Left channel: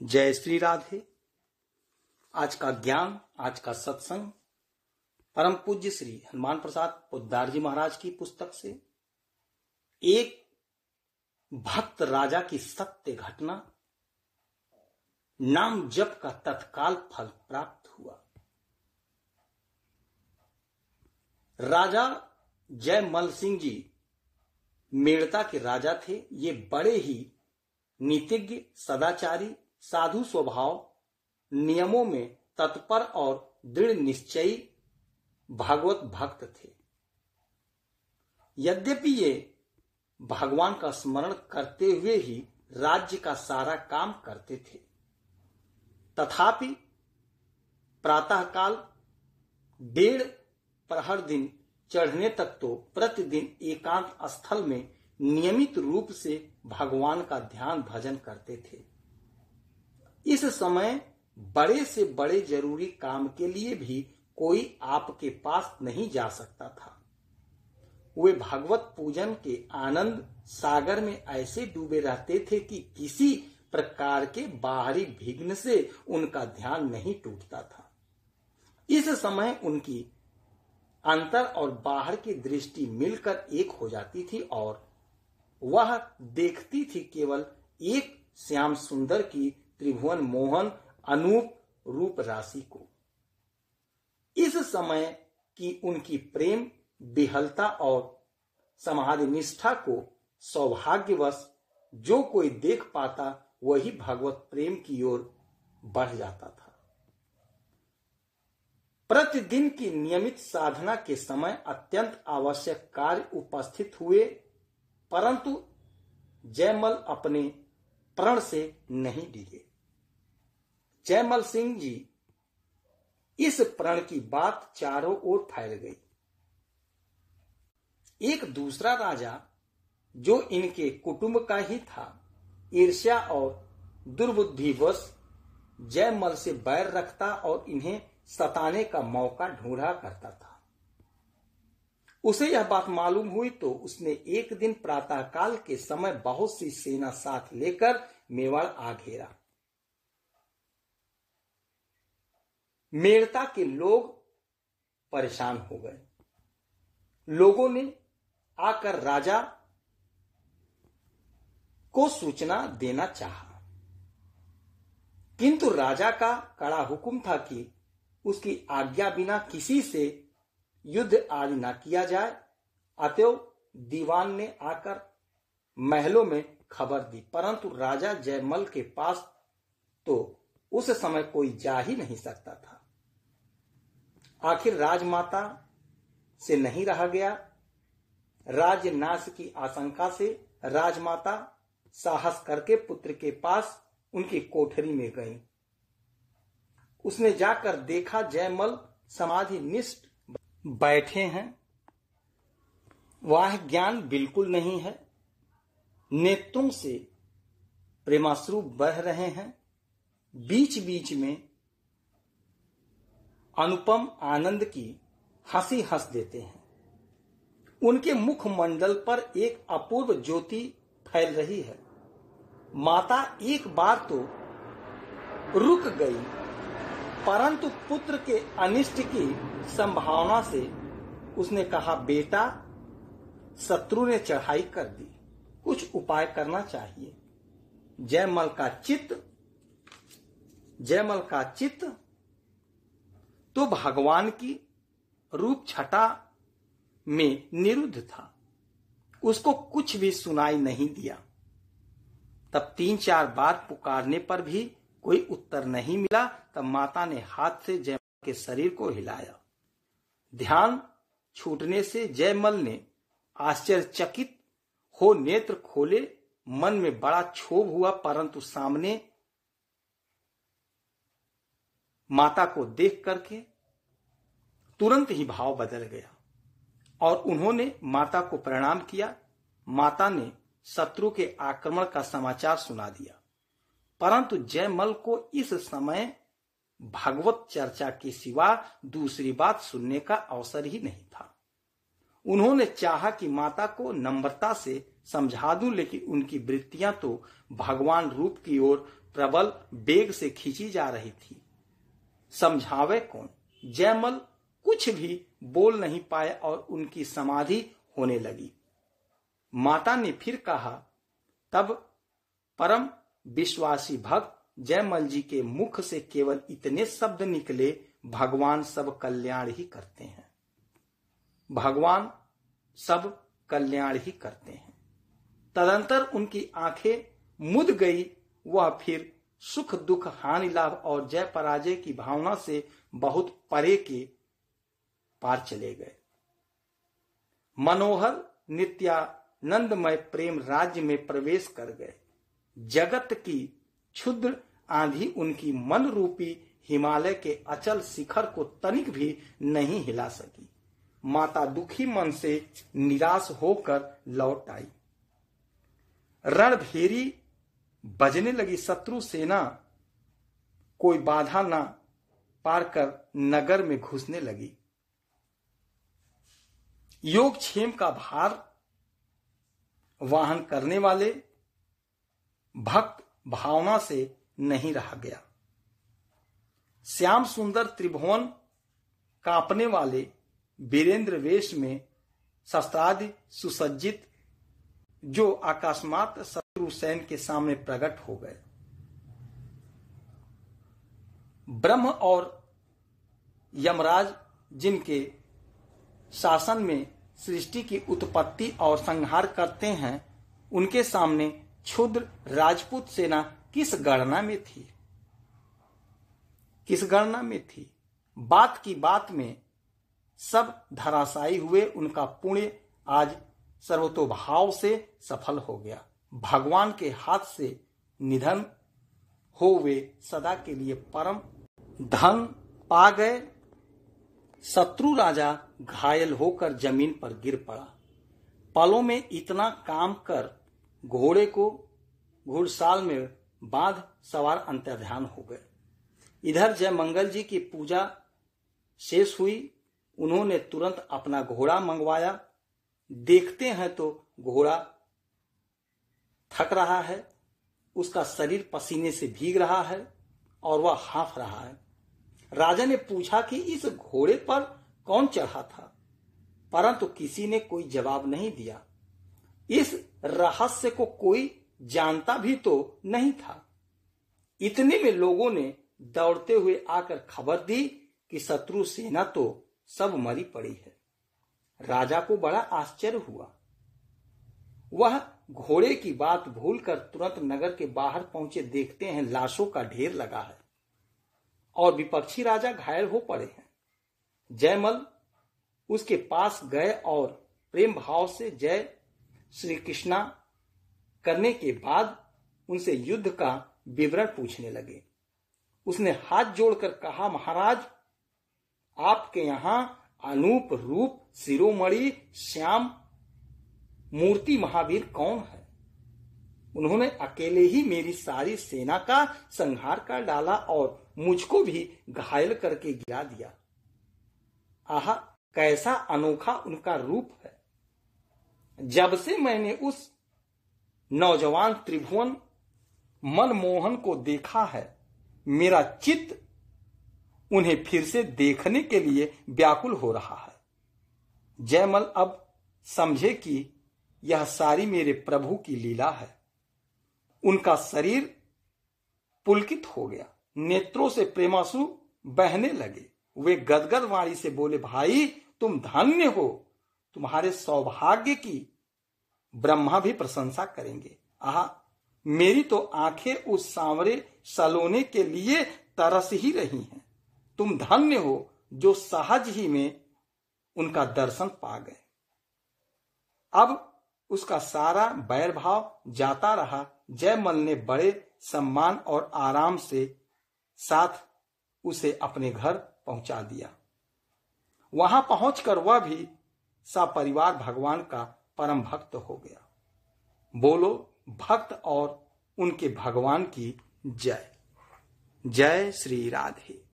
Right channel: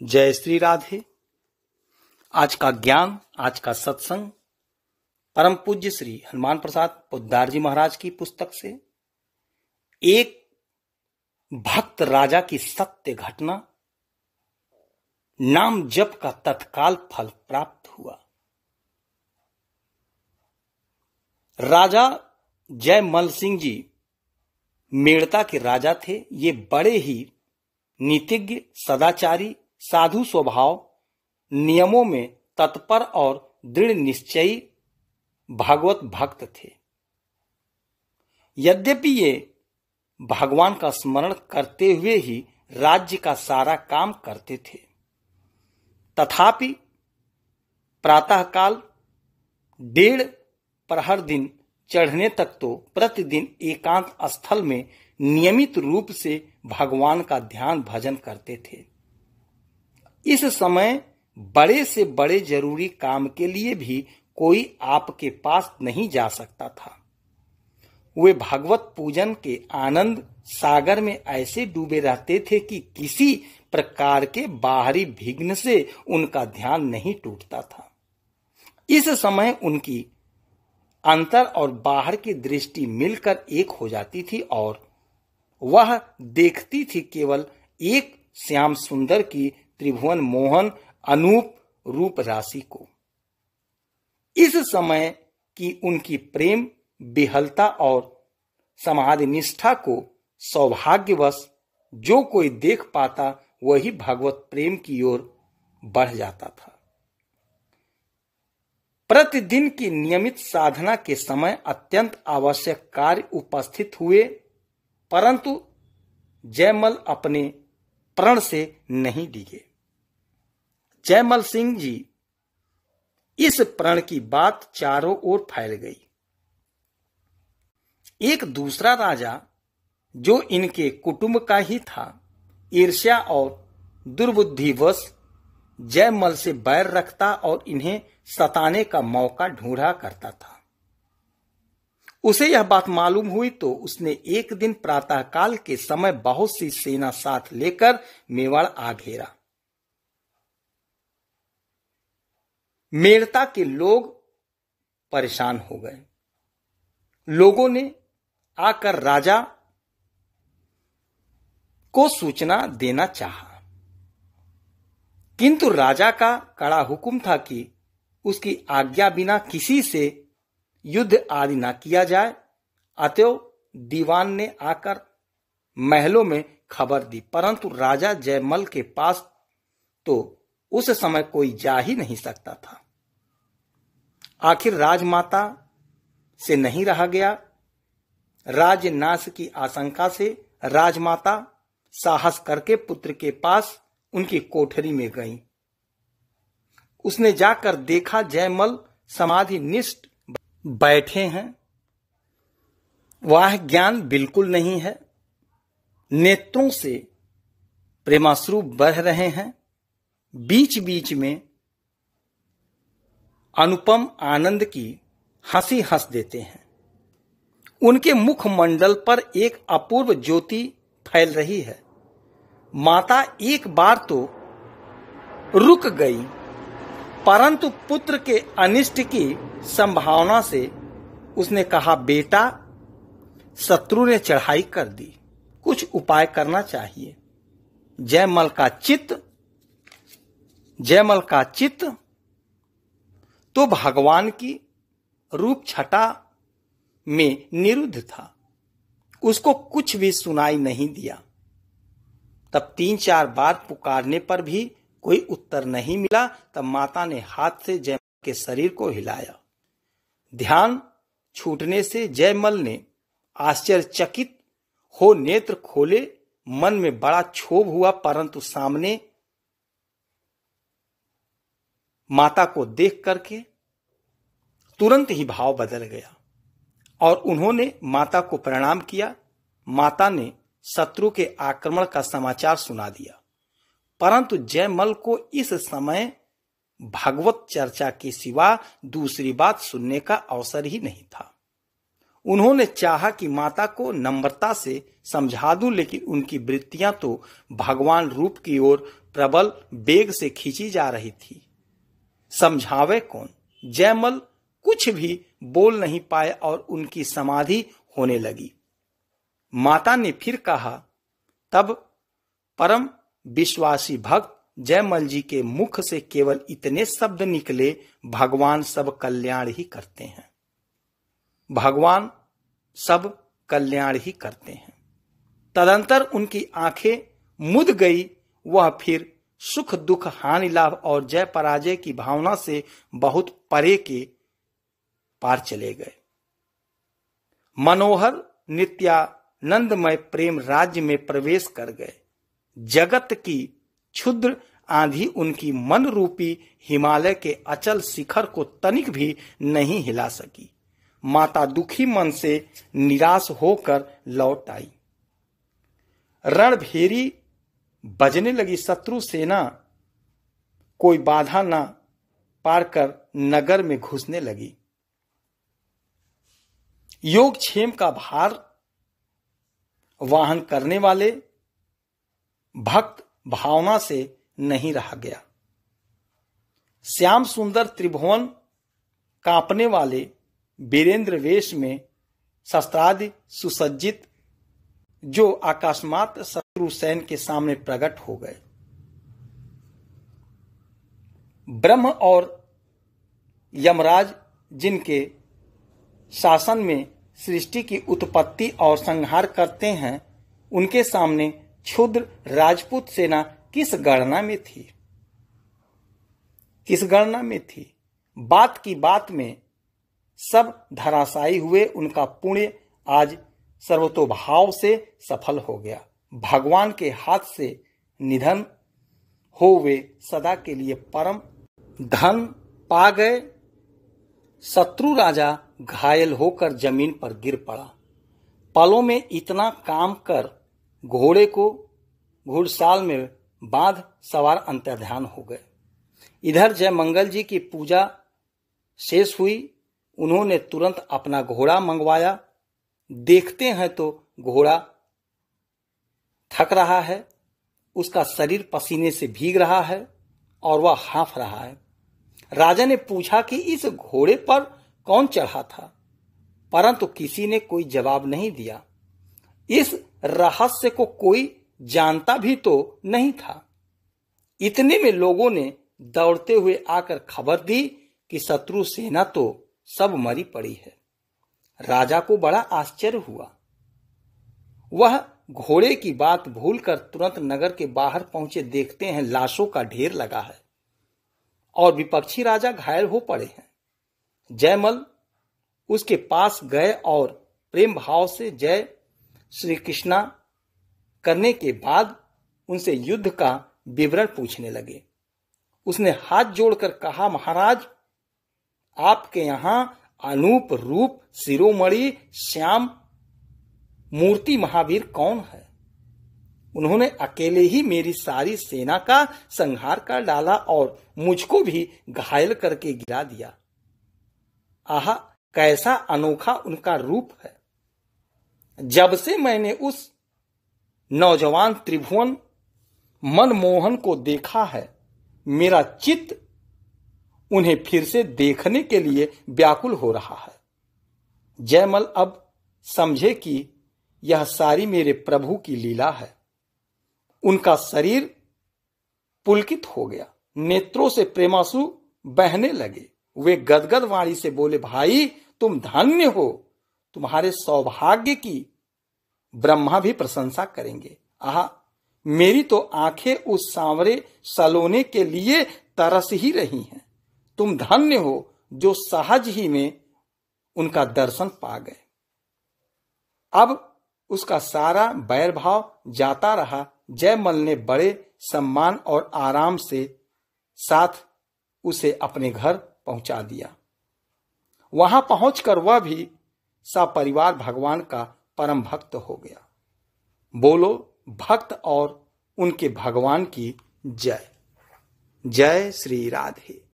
जय श्री राधे। आज का ज्ञान, आज का सत्संग परम पूज्य श्री हनुमान प्रसाद पोद्दार जी महाराज की पुस्तक से एक भक्त राजा की सत्य घटना, नाम जप का तत्काल फल प्राप्त हुआ। राजा जयमल सिंह जी मेड़ता के राजा थे। ये बड़े ही नीतिज्ञ, सदाचारी, साधु स्वभाव, नियमों में तत्पर और दृढ़ निश्चयी भागवत भक्त थे। यद्यपि ये भगवान का स्मरण करते हुए ही राज्य का सारा काम करते थे, तथापि प्रातःकाल 1.5 प्रहर दिन चढ़ने तक तो प्रतिदिन एकांत स्थल में नियमित रूप से भगवान का ध्यान भजन करते थे। इस समय बड़े से बड़े जरूरी काम के लिए भी कोई आपके पास नहीं जा सकता था। वे भगवत पूजन के आनंद सागर में ऐसे डूबे रहते थे कि किसी प्रकार के बाहरी विघ्न से उनका ध्यान नहीं टूटता था। इस समय उनकी अंतर और बाहर की दृष्टि मिलकर एक हो जाती थी और वह देखती थी केवल एक श्याम सुंदर की त्रिभुवन मोहन अनूप रूप राशि को। इस समय की उनकी प्रेम विहलता और समाधि निष्ठा को सौभाग्यवश जो कोई देख पाता, वही भगवत प्रेम की ओर बढ़ जाता था। प्रतिदिन की नियमित साधना के समय अत्यंत आवश्यक कार्य उपस्थित हुए, परंतु जयमल अपने प्रण से नहीं डिगे। जयमल सिंह जी इस प्रण की बात चारों ओर फैल गई। एक दूसरा राजा जो इनके कुटुंब का ही था, ईर्ष्या और दुर्बुद्धिवश जयमल से बैर रखता और इन्हें सताने का मौका ढूंढा करता था। उसे यह बात मालूम हुई तो उसने एक दिन प्रातःकाल के समय बहुत सी सेना साथ लेकर मेवाड़ आ घेरा। मेड़ता के लोग परेशान हो गए। लोगों ने आकर राजा को सूचना देना चाहा, किंतु राजा का कड़ा हुक्म था कि उसकी आज्ञा बिना किसी से युद्ध आदि न किया जाए। अतएव दीवान ने आकर महलों में खबर दी, परंतु राजा जयमल के पास तो उस समय कोई जा ही नहीं सकता था। आखिर राजमाता से नहीं रहा गया। राजनाश की आशंका से राजमाता साहस करके पुत्र के पास उनकी कोठरी में गई। उसने जाकर देखा जयमल समाधि निष्ठ बैठे हैं। वह ज्ञान बिल्कुल नहीं है। नेत्रों से प्रेमाश्रु बह रहे हैं। बीच बीच में अनुपम आनंद की हंसी हंस देते हैं। उनके मुखमंडल पर एक अपूर्व ज्योति फैल रही है। माता एक बार तो रुक गई, परंतु पुत्र के अनिष्ट की संभावना से उसने कहा, बेटा, शत्रु ने चढ़ाई कर दी, कुछ उपाय करना चाहिए। जयमल का चित्त तो भगवान की रूप छटा में निरुद्ध था। उसको कुछ भी सुनाई नहीं दिया। तब 3-4 बार पुकारने पर भी कोई उत्तर नहीं मिला। तब माता ने हाथ से जयमल के शरीर को हिलाया। ध्यान छूटने से जयमल ने आश्चर्यचकित हो नेत्र खोले। मन में बड़ा क्षोभ हुआ, परंतु सामने माता को देख करके तुरंत ही भाव बदल गया और उन्होंने माता को प्रणाम किया। माता ने शत्रु के आक्रमण का समाचार सुना दिया, परंतु जयमल को इस समय भागवत चर्चा के सिवा दूसरी बात सुनने का अवसर ही नहीं था। उन्होंने चाहा कि माता को नम्रता से समझा दूं, लेकिन उनकी वृत्तियां तो भगवान रूप की ओर प्रबल वेग से खींची जा रही थी। समझावे कौन? जयमल कुछ भी बोल नहीं पाए और उनकी समाधि होने लगी। माता ने फिर कहा। तब परम विश्वासी भक्त जयमल जी के मुख से केवल इतने शब्द निकले, भगवान सब कल्याण ही करते हैं, भगवान सब कल्याण ही करते हैं। तदंतर उनकी आंखें मुद गई। वह फिर सुख दुख हानि लाभ और जय पराजय की भावना से बहुत परे के पार चले गए। मनोहर नित्यानंदमय प्रेम राज्य में प्रवेश कर गए। जगत की क्षुद्र आंधी उनकी मन रूपी हिमालय के अचल शिखर को तनिक भी नहीं हिला सकी। माता दुखी मन से निराश होकर लौट आई। रणभेरी बजने लगी। शत्रु सेना कोई बाधा न पार कर नगर में घुसने लगी। योगक्षेम का भार वाहन करने वाले भक्त भावना से नहीं रहा गया। श्याम सुंदर त्रिभुवन कांपने वाले वीरेंद्र वेश में शस्त्रादि सुसज्जित जो अकस्मात शत्रु सैन्य के सामने प्रकट हो गए। ब्रह्म और यमराज जिनके शासन में सृष्टि की उत्पत्ति और संहार करते हैं, उनके सामने क्षुद्र राजपूत सेना किस गणना में थी? किस गणना में थी? बात की बात में सब धराशायी हुए। उनका पुण्य आज सर्वतोभाव से सफल हो गया। भगवान के हाथ से निधन हो वे सदा के लिए परम धन पा गए। शत्रु राजा घायल होकर जमीन पर गिर पड़ा। पलों में इतना काम कर घोड़े को घुड़साल में बांध सवार अंतर्ध्यान हो गए। इधर जयमंगल जी की पूजा शेष हुई। उन्होंने तुरंत अपना घोड़ा मंगवाया। देखते हैं तो घोड़ा थक रहा है, उसका शरीर पसीने से भीग रहा है और वह हाँफ रहा है। राजा ने पूछा कि इस घोड़े पर कौन चढ़ा था, परंतु किसी ने कोई जवाब नहीं दिया। इस रहस्य को कोई जानता भी तो नहीं था। इतने में लोगों ने दौड़ते हुए आकर खबर दी कि शत्रु सेना तो सब मरी पड़ी है। राजा को बड़ा आश्चर्य हुआ। वह घोड़े की बात भूलकर तुरंत नगर के बाहर पहुंचे। देखते हैं लाशों का ढेर लगा है और विपक्षी राजा घायल हो पड़े हैं। जयमल उसके पास गए और प्रेम भाव से जय श्री कृष्णा करने के बाद उनसे युद्ध का विवरण पूछने लगे। उसने हाथ जोड़कर कहा, महाराज, आपके यहां अनूप रूप शिरोमणि श्याम मूर्ति महावीर कौन है? उन्होंने अकेले ही मेरी सारी सेना का संहार कर डाला और मुझको भी घायल करके गिरा दिया। आहा, कैसा अनोखा उनका रूप है। जब से मैंने उस नौजवान त्रिभुवन मनमोहन को देखा है, मेरा चित्त उन्हें फिर से देखने के लिए व्याकुल हो रहा है। जयमल अब समझे कि यह सारी मेरे प्रभु की लीला है। उनका शरीर पुलकित हो गया, नेत्रों से प्रेमांसु बहने लगे। वे गदगद वाणी से बोले, भाई तुम धन्य हो, तुम्हारे सौभाग्य की ब्रह्मा भी प्रशंसा करेंगे। आहा, मेरी तो आंखें उस सांवरे सलोने के लिए तरस ही रही हैं। तुम धन्य हो जो सहज ही में उनका दर्शन पा गए। अब उसका सारा बैर भाव जाता रहा। जयमल ने बड़े सम्मान और आराम से साथ उसे अपने घर पहुंचा दिया। वहां पहुंचकर वह भी सपरिवार भगवान का परम भक्त हो गया। बोलो भक्त और उनके भगवान की जय। जय श्री राधे।